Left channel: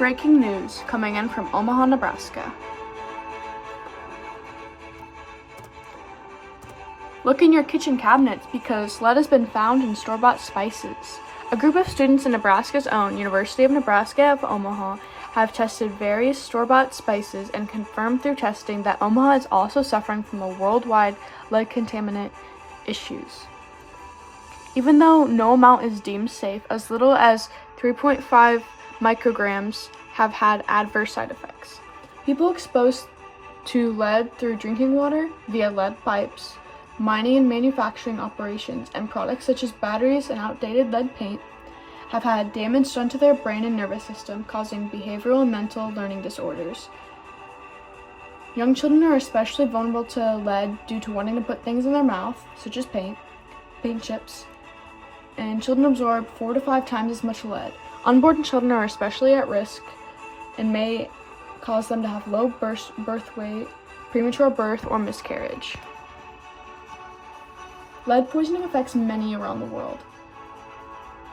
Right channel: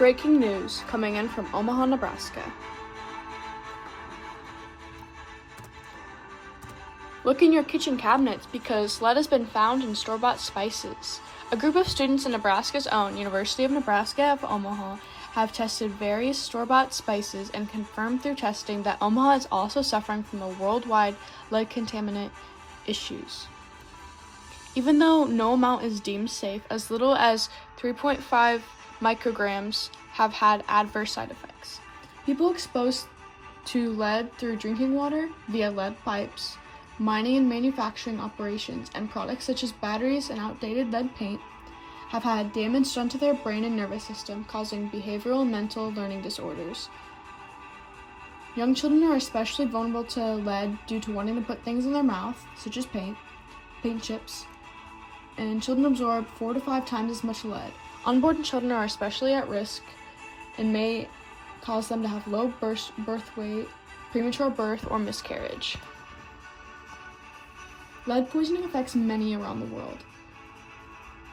Breaking news coming in from Omaha, Nebraska. Look in your kitchen cabinets because lead has been found in store-bought spices. A group of students in Nebraska's own University of Nebraska at Omaha have tested various store-bought spices and confirmed through testing that Omaha is also suffering from a worldwide lead contaminant issues. Even though no amount is deemed safe, as little as 3.5 micrograms have had adverse side effects. People exposed to lead through drinking water, via lead pipes, mining and manufacturing operations, and products such as batteries and outdated lead paint have had damage done to their brain and nervous system, causing behavioral and mental learning disorders. Young children are especially vulnerable to lead due to wanting to put things in their mouth, such as paint chips, and children absorb 4 to 5 times as much lead. Unborn children are especially at risk and may cause them to have low birth weight, premature birth, or miscarriage. Lead poisoning affects many around the world.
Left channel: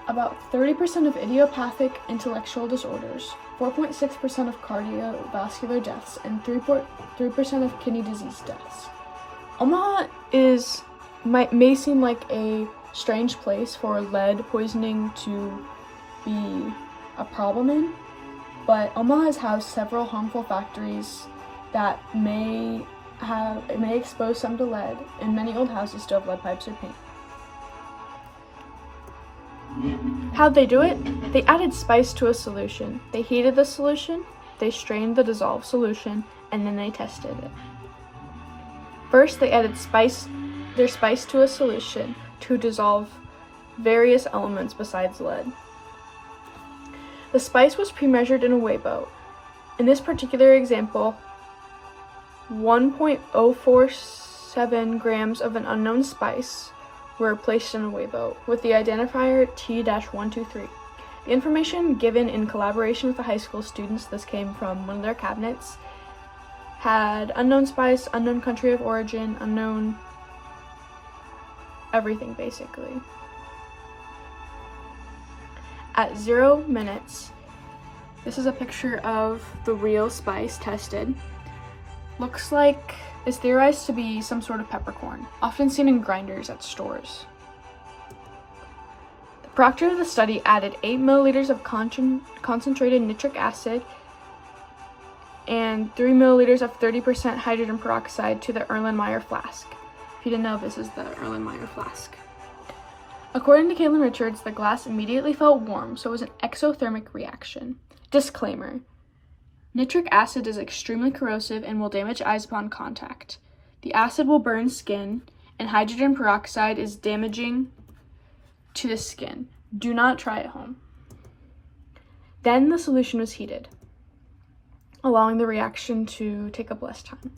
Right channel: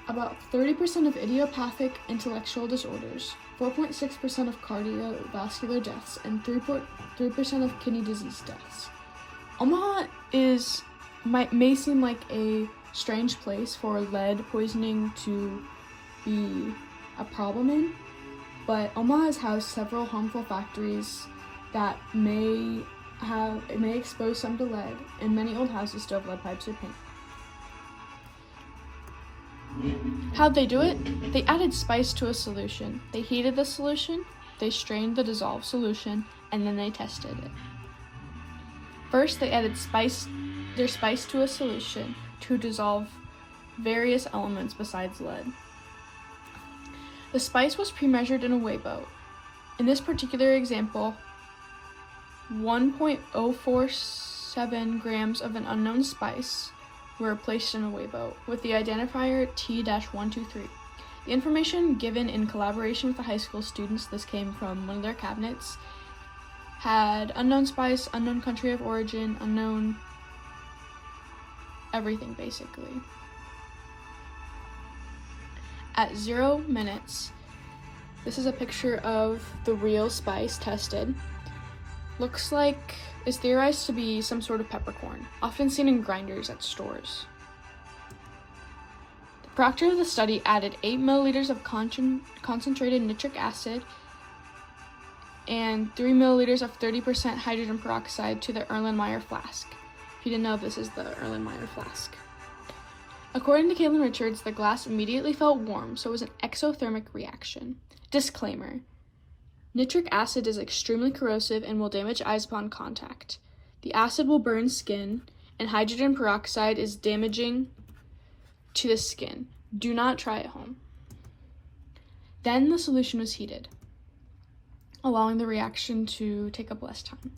About 30% of idiopathic intellectual disorders, 4.6% of cardiovascular deaths, and 3% of kidney disease deaths. Omaha may seem like a strange place for lead poisoning to be a problem in, but Omaha has housed several harmful factories that may expose some to lead, and many old houses still have lead pipes or paint. How'd they do it? They added spice to a solution. They heated the solution, they strained the dissolved solution, and then they tested it. First, they added their spice to a solution to dissolve various elements besides lead. The spice was pre-measured in a weigh boat. In this particular example, 1.047 grams of an unknown spice were placed in a weigh boat with the identifier T-123. The information given in collaboration with the high school students, this came from one of their cabinets, had unknown spice, unknown country of origin, unknown everything basically. At 0 minutes, this is a picture of the real spice tested. Looks like is theorized to be some sort of peppercorn, often seen in grinders at stores. The proctor of the study added 8 milliliters of concentrated nitric acid and 3 milliliters of 30% hydrogen peroxide to the Erlenmeyer flask. If you didn't know, this is the Erlenmeyer flask. According to Caitlin Richards, the glass immediately felt warm, so it was an exothermic reaction. Disclaimer: nitric acid is extremely corrosive and will damage eyes upon contact. The acid will burn skin, and hydrogen peroxide is damaging to the skin. Do not try at home. Then the solution was heated, allowing the reaction to take up less time.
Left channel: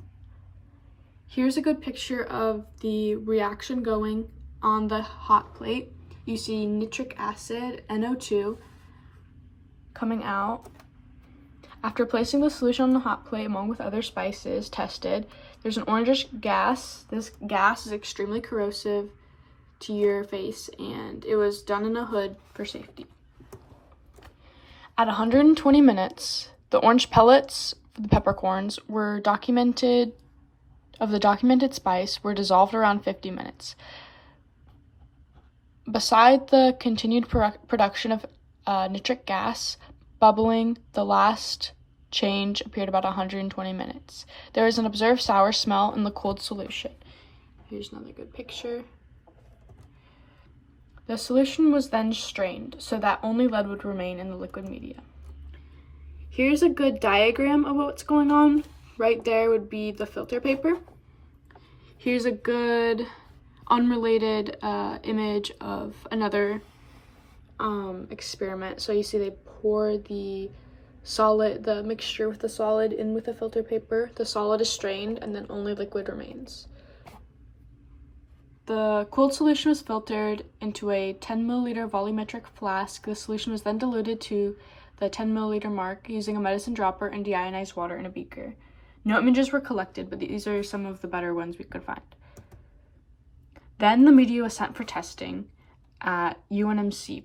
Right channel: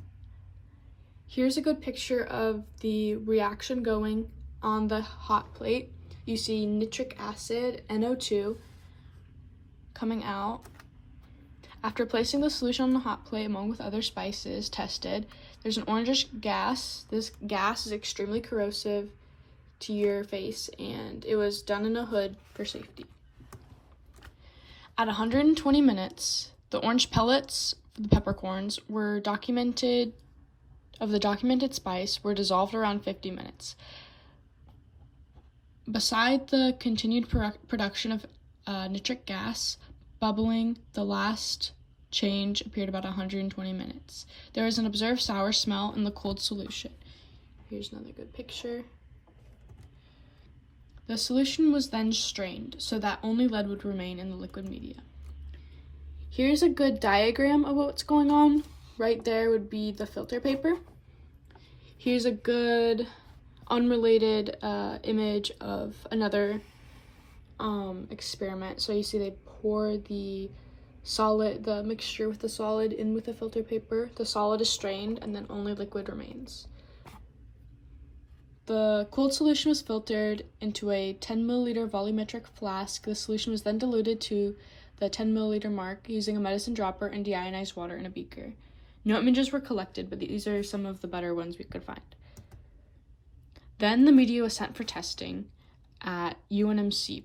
Here's a good picture of the reaction going on the hot plate. You see nitric acid, NO2, coming out. After placing the solution on the hot plate along with other spices tested, there's an orangish gas. This gas is extremely corrosive to your face, and it was done in a hood for safety. At 120 minutes, the orange pellets for the peppercorns were documented spice were dissolved around 50 minutes. Beside the continued production of nitric gas bubbling, the last change appeared about 120 minutes. There was an observed sour smell in the cooled solution. Here's another good picture. The solution was then strained so that only lead would remain in the liquid media. Here's a good diagram of what's going on. Right there would be the filter paper. Here's a good unrelated image of another experiment. So you see they pour the mixture with the solid in with the filter paper. The solid is strained and then only liquid remains. The cooled solution was filtered into a 10 milliliter volumetric flask. The solution was then diluted to the 10 milliliter mark using a medicine dropper and deionized water in a beaker. No images were collected, but these are some of the better ones we could find. Then the media was sent for testing at UNMC